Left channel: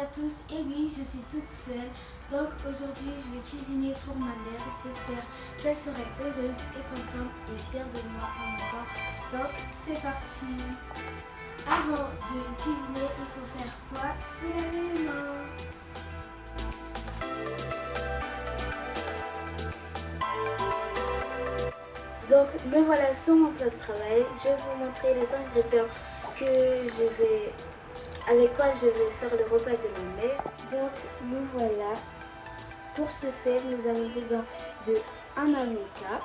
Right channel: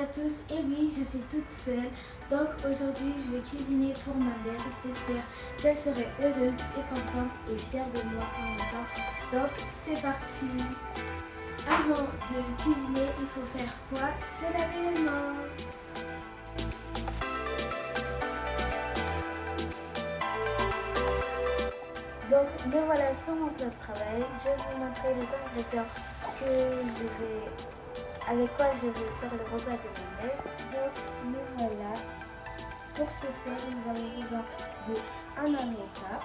à tous, et oui, je suis toute seule. Donc aujourd'hui, je vais cuisiner pour ma mère. J'espère qu'elle serait heureuse et contente et fière de moi en même temps. Donc c'est parti. Avant de cuisiner, il faut faire quoi? Se laver les mains. Donc me voilà sur mon plat de travail. Je vais vous montrer les ingrédients avec quoi je vais faire le repas de ma mère. Donc nous voilà. Pour ce faire, nous avons besoin de un avocat,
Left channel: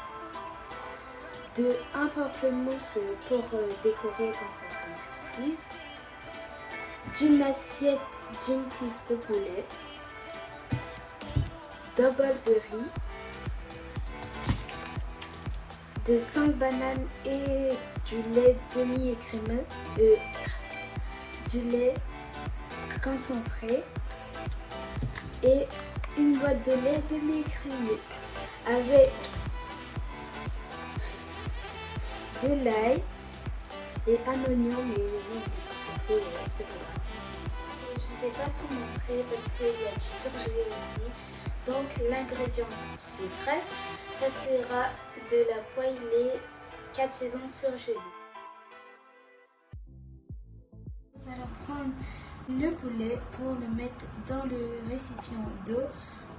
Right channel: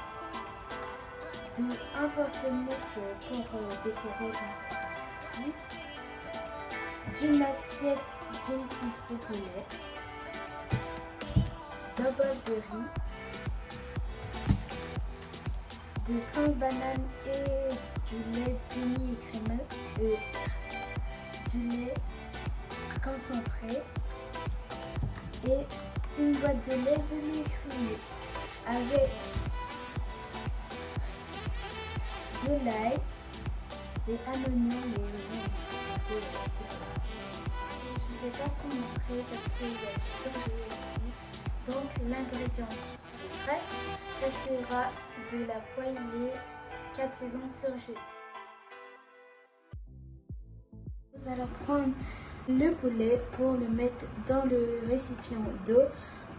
de un pamplemousse pour décorer dans sa grande surprise, d'une assiette d'une cuisse de poulet, d'un bol de riz, de 5 bananes et du lait demi-écrémeux, du lait concentré et une boîte de lait demi-écrémé avec de l'ail et un oignon et c'est bon. Je ne vais pas tout montrer parce qu'il y a du surgelé aussi. Donc l'ingrédient secret, ça sera de la poêlée 4 saisons surgelée. Nous allons prendre le poulet pour le mettre dans le récipient d'eau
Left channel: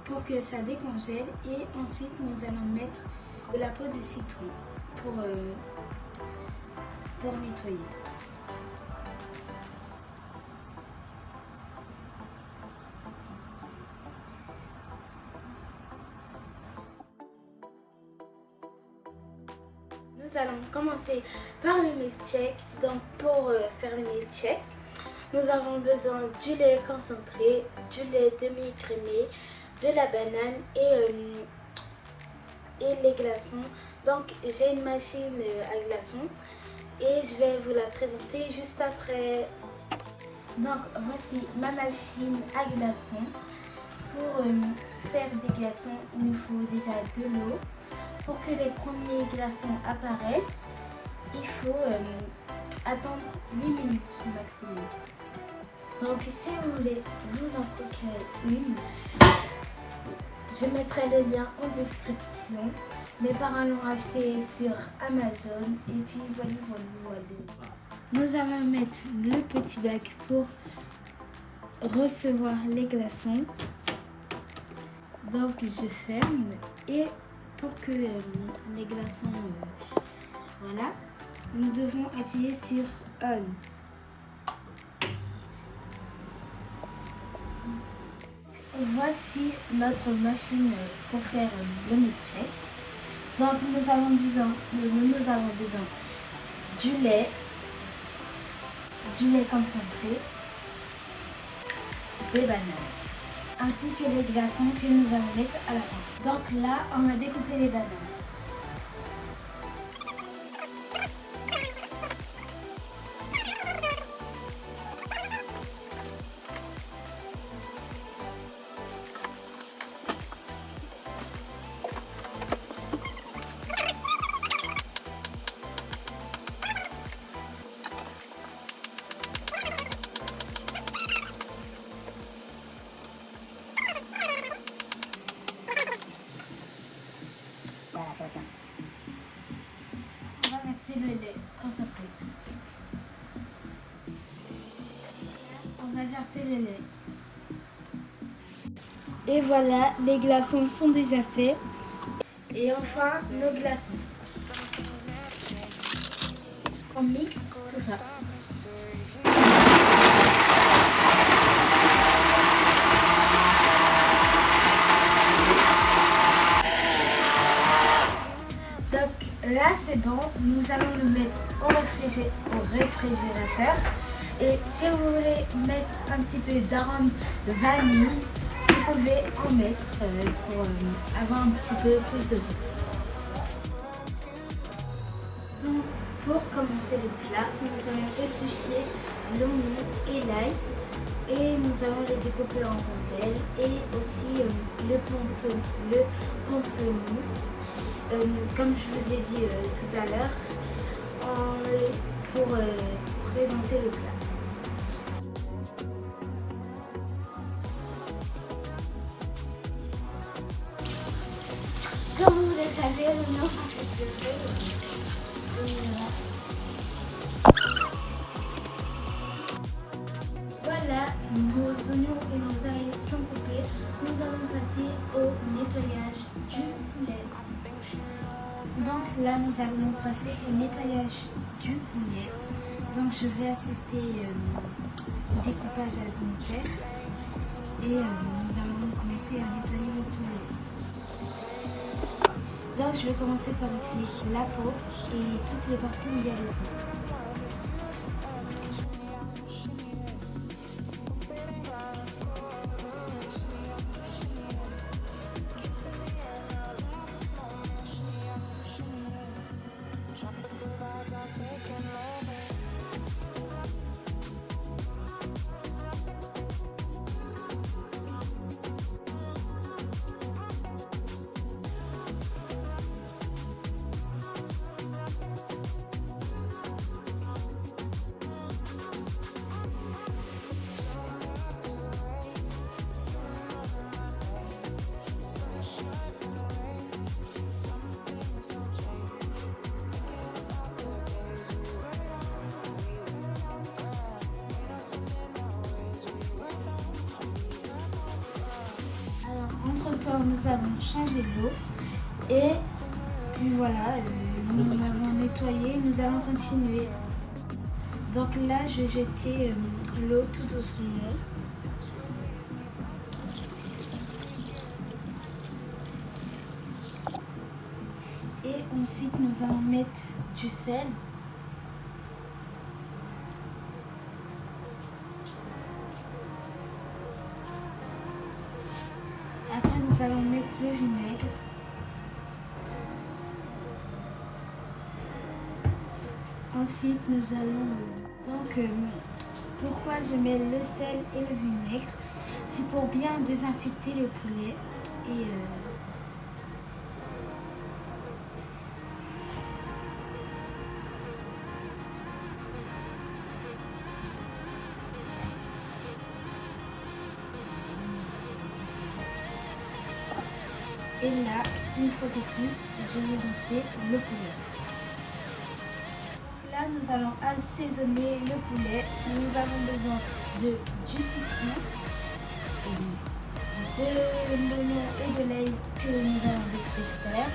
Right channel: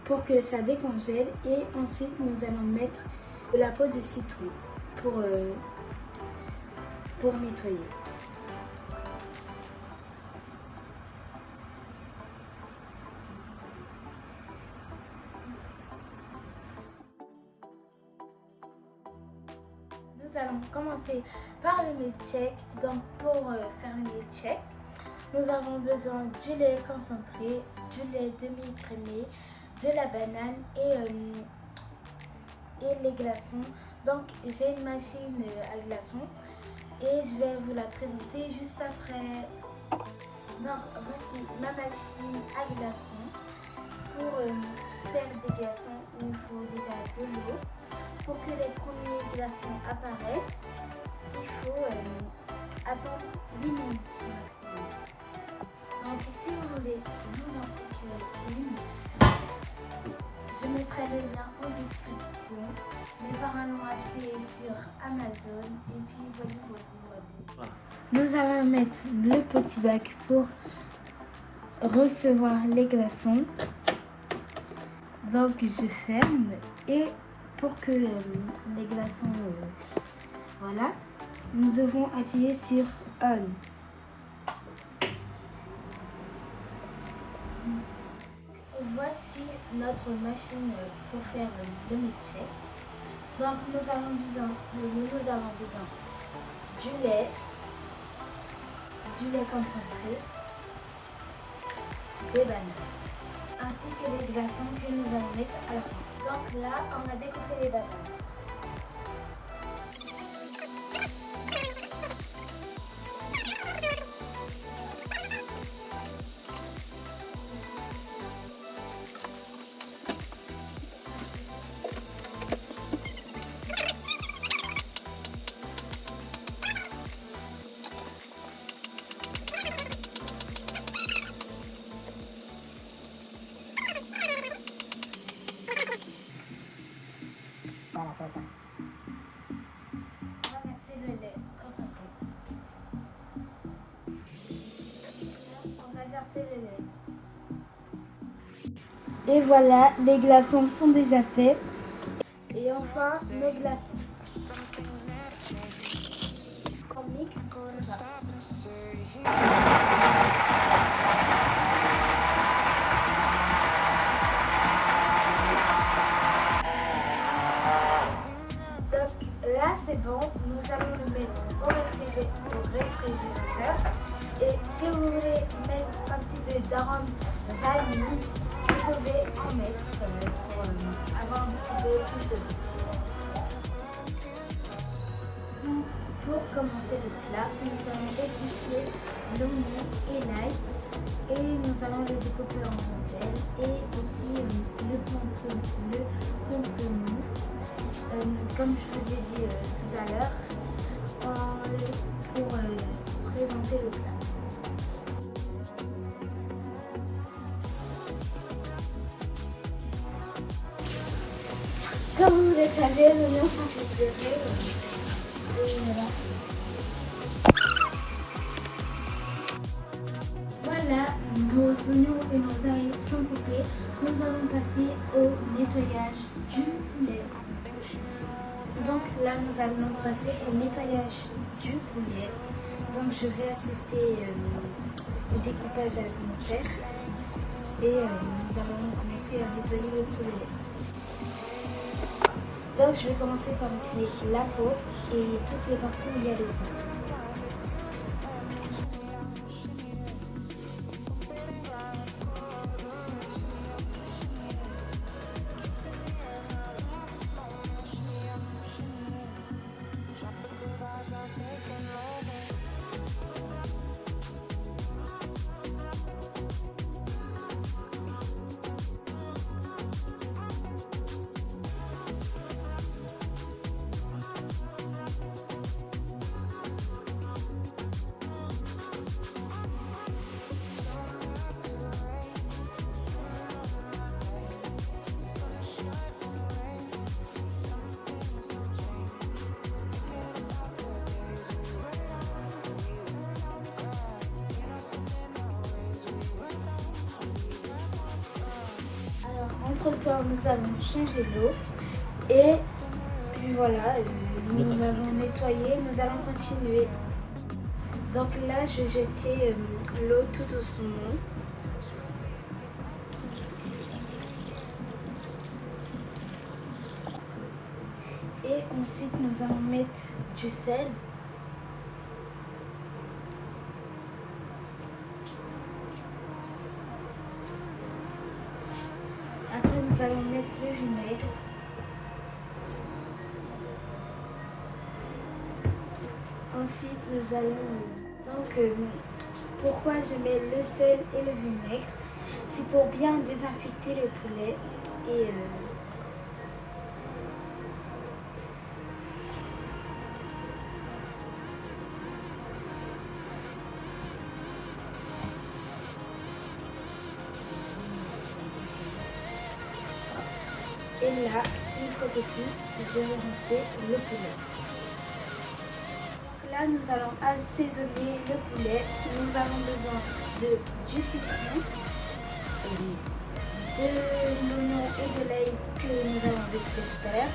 pour que ça décongèle et ensuite nous allons mettre de la peau de citron pour nettoyer. Nous allons commencer par le milkshake. Donc pour faire le milkshake, nous avons besoin du lait concentré, du lait demi-écrémé, de la banane et les glaçons. Donc j'ai une machine à glaçons et je vais vous la présenter juste après. Donc voici ma machine à glaçons. Pour faire des glaçons, il nous faut déjà de l'eau. Pour que les premiers glaçons apparaissent, il faut attendre 8 minutes maximum. Donc si vous voulez vous en procurer une, je mettrai le lien en description. Mes parents l'ont acheté sur Amazon et puis voilà. Nous allons mettre le petit bac pour recevoir les glaçons. Donc je ferme et pour que les glaçons, voilà, nous devons appuyer sur On. Voici notre machine pour faire le milkshake. Donc nous avons besoin du lait concentré, des bananes, ainsi que les glaçons que nous allons mettre à la fin. Donc là, on va découper les bananes. On va verser le lait concentré. On va verser le lait. Et voilà, les glaçons sont déjà faits. Et enfin, les glaçons. On mixe tout ça. Donc là c'est bon, nous allons le mettre au réfrigérateur. Et si vous voulez mettre un petit peu d'arôme de vanille, vous pouvez en mettre pour avoir un petit peu plus de goût. Donc pour commencer le plat, nous allons éplucher l'oignon et l'ail et nous allons les découper en rondelles et aussi le pamplemousse. Comme je vous ai dit tout à l'heure, pour présenter le plat. savez, l'oignon ça fait pleurer. Et voilà, nos oignons et nos ail sont coupés. Nous allons passer au nettoyage du poulet. Donc là, nous allons passer au nettoyage du poulet. Donc je vais assister au découpage avec mon père. Et nous allons commencer à nettoyer le poulet. Donc je vais commencer par enlever la peau et toutes les parties où il y a le sang. Entre-temps, nous avons changé l'eau et puis voilà, nous l'avons nettoyé, nous allons continuer. Donc là, je vais jeter l'eau tout doucement. Et ensuite, nous allons mettre du sel. Après, nous allons mettre le vinaigre. Ensuite, nous allons... Donc, pourquoi je mets le sel et le vinaigre? C'est pour bien désinfecter le poulet et... Et là, une fois de plus, je vais rincer le poulet. Là, nous allons assaisonner le poulet. Nous avons besoin du citron, de l'oignon et de l'ail que nous avons découpé tout à l'heure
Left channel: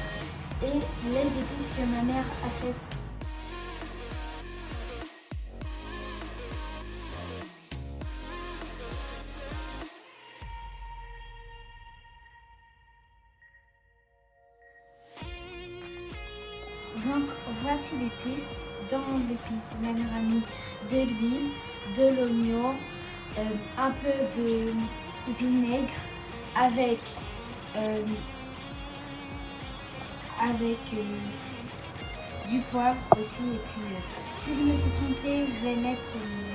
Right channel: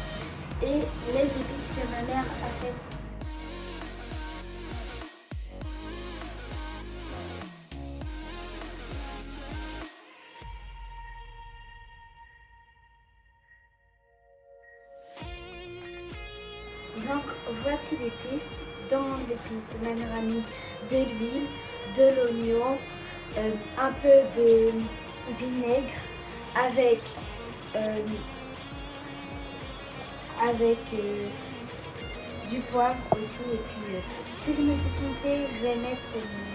et les épices que ma mère a faites. Donc voici l'épice. Dans l'épice, ma mère a mis de l'huile, de l'oignon, un peu de vinaigre avec du poivre aussi. Et puis si je me suis trompée, je vais mettre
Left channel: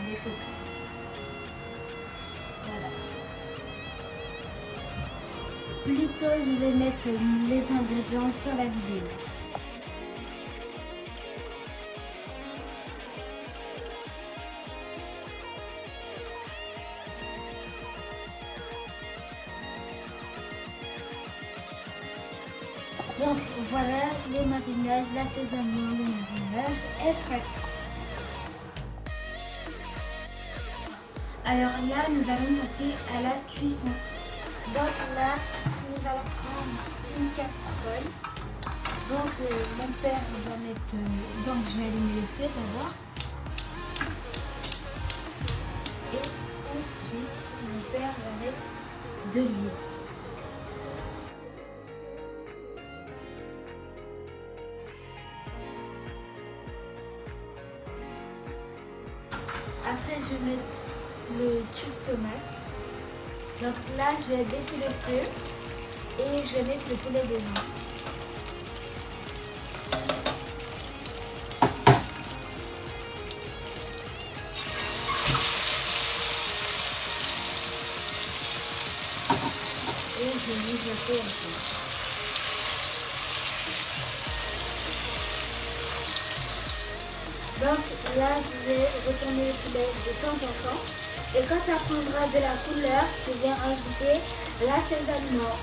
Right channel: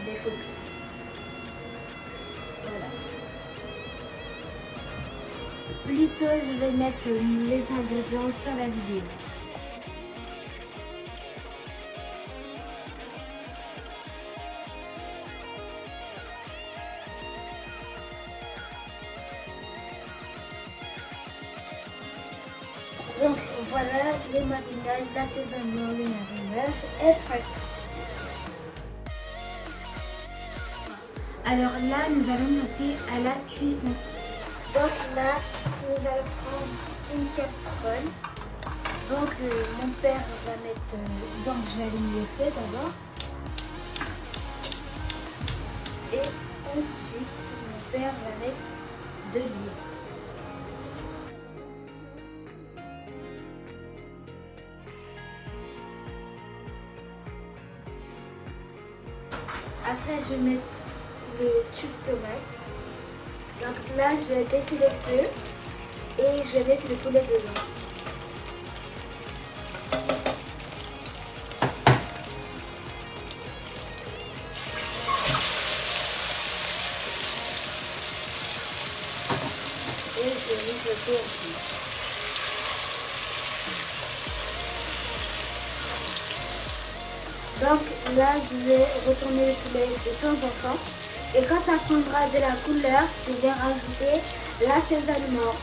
les photos. Voilà. Plutôt, je vais mettre les ingrédients sur la vidéo. Donc voilà, le marinage, l'assaisonnement, le marinage est prêt. Alors là, nous allons passer à la cuisson. Donc là, nous allons prendre une casserole. Donc mon père va mettre... donc je vais allumer le feu d'abord. Et ensuite, mon père va mettre de l'huile. Après, je vais mettre le tube tomate. Donc là, je vais baisser le feu et je vais mettre le poulet dedans. Et je vais mijoter aussi. Donc là, je vais retourner le poulet de temps en temps. Et quand ça prendra de la couleur, je vais rajouter l'assaisonnement.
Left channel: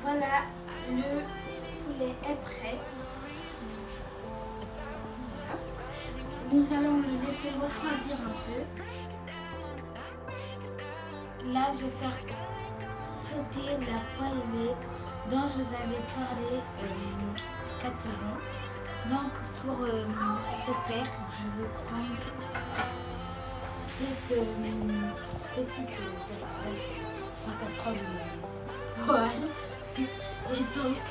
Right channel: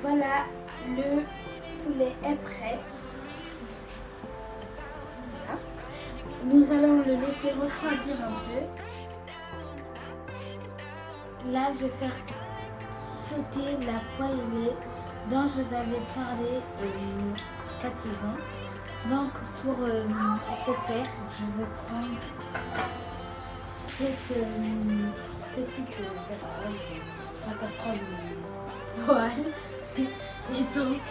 Voilà, le poulet est prêt. Voilà. Nous allons le laisser refroidir un peu. Là, je vais faire sauter la poêlée dont je vous avais parlé 4 saisons. Donc, pour ce faire, je vais prendre cette petite casserole, une casserole poêle. Et donc,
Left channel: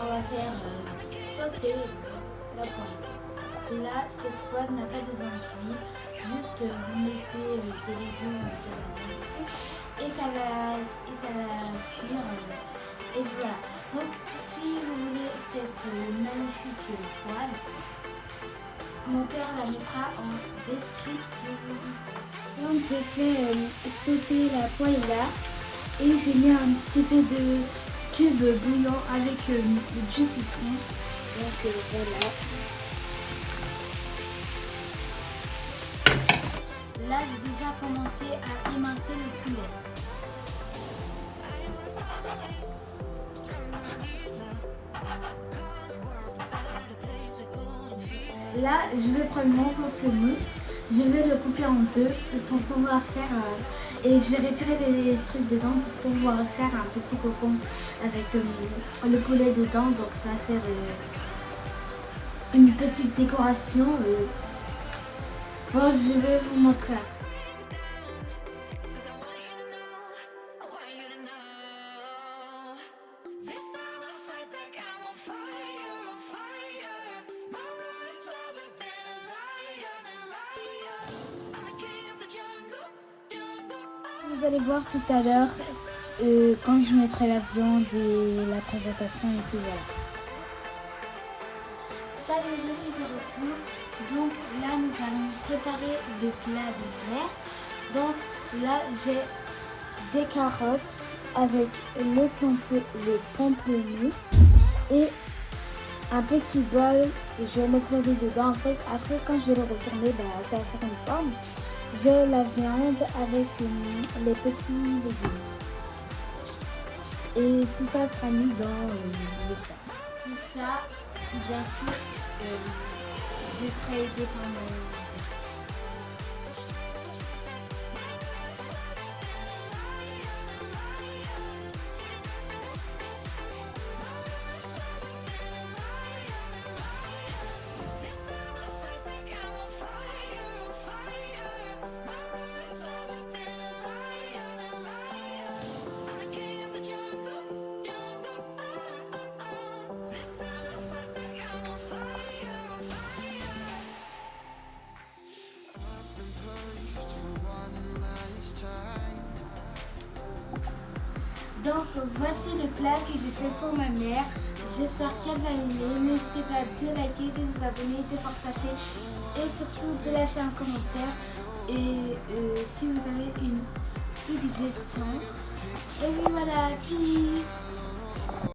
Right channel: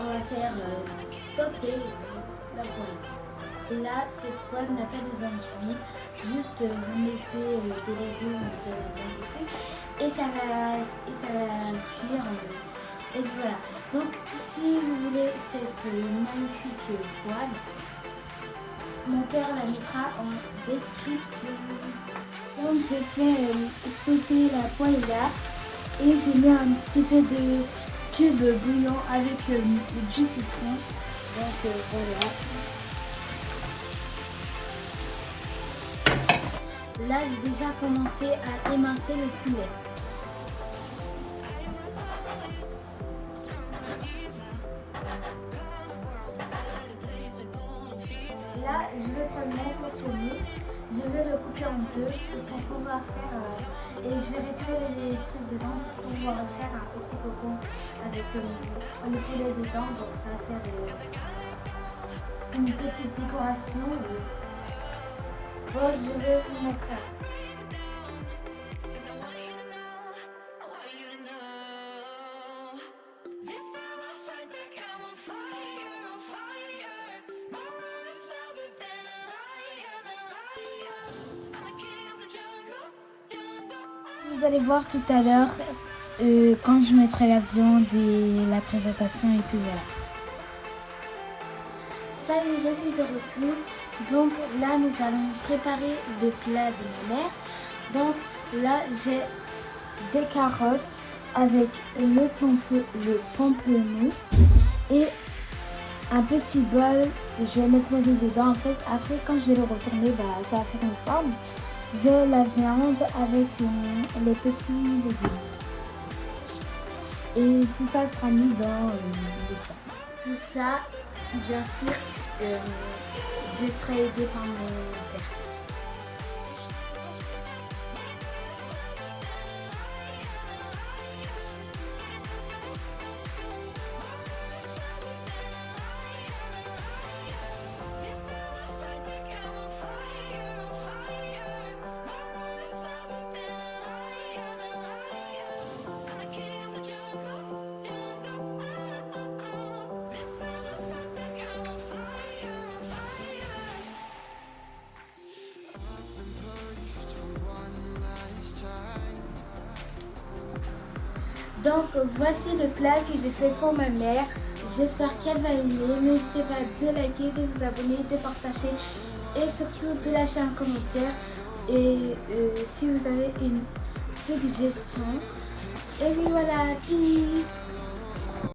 on va faire sauter la poêle. Là, cette poêle n'a pas des enduits, juste vous mettez des légumes ou des raisins dessus et ça va cuire. Et voilà. Donc, si vous voulez cette magnifique poêle, mon père la mettra en description. Donc, j'ai fait sauter la poêle là et j'ai mis un petit peu de cube bouillon avec du citron. Donc, voilà. Là, j'ai déjà commencé à émincer le poulet. Là, je vais prendre mon couscous, je vais le couper en deux pour pouvoir faire, et je vais retirer les trucs dedans pour pouvoir faire un petit cocon avec le poulet dedans. Donc ça va faire une petite décoration. Bon, je vais vous montrer. Vous allez voir tout à l'heure quand je mettrai la viande et la présentation et tout. Salut, je suis de retour. Donc là, nous allons préparer le plat de ma mère. Donc là, j'ai des carottes avec le pamplemousse et un petit bol. Je vais mettre le riz dedans. En fait, après, quand je vais le retourner, ça va faire une forme. J'ai la viande avec les petits légumes. Et tout ça sera mis dans tout ça, bien sûr, je serai aidée par mon père. Donc voici le plat que j'ai fait pour ma mère. J'espère qu'elle va aimer. N'hésitez pas de liker, de vous abonner, de partager et surtout de lâcher un commentaire. Et si vous avez une suggestion. Et puis voilà, peace.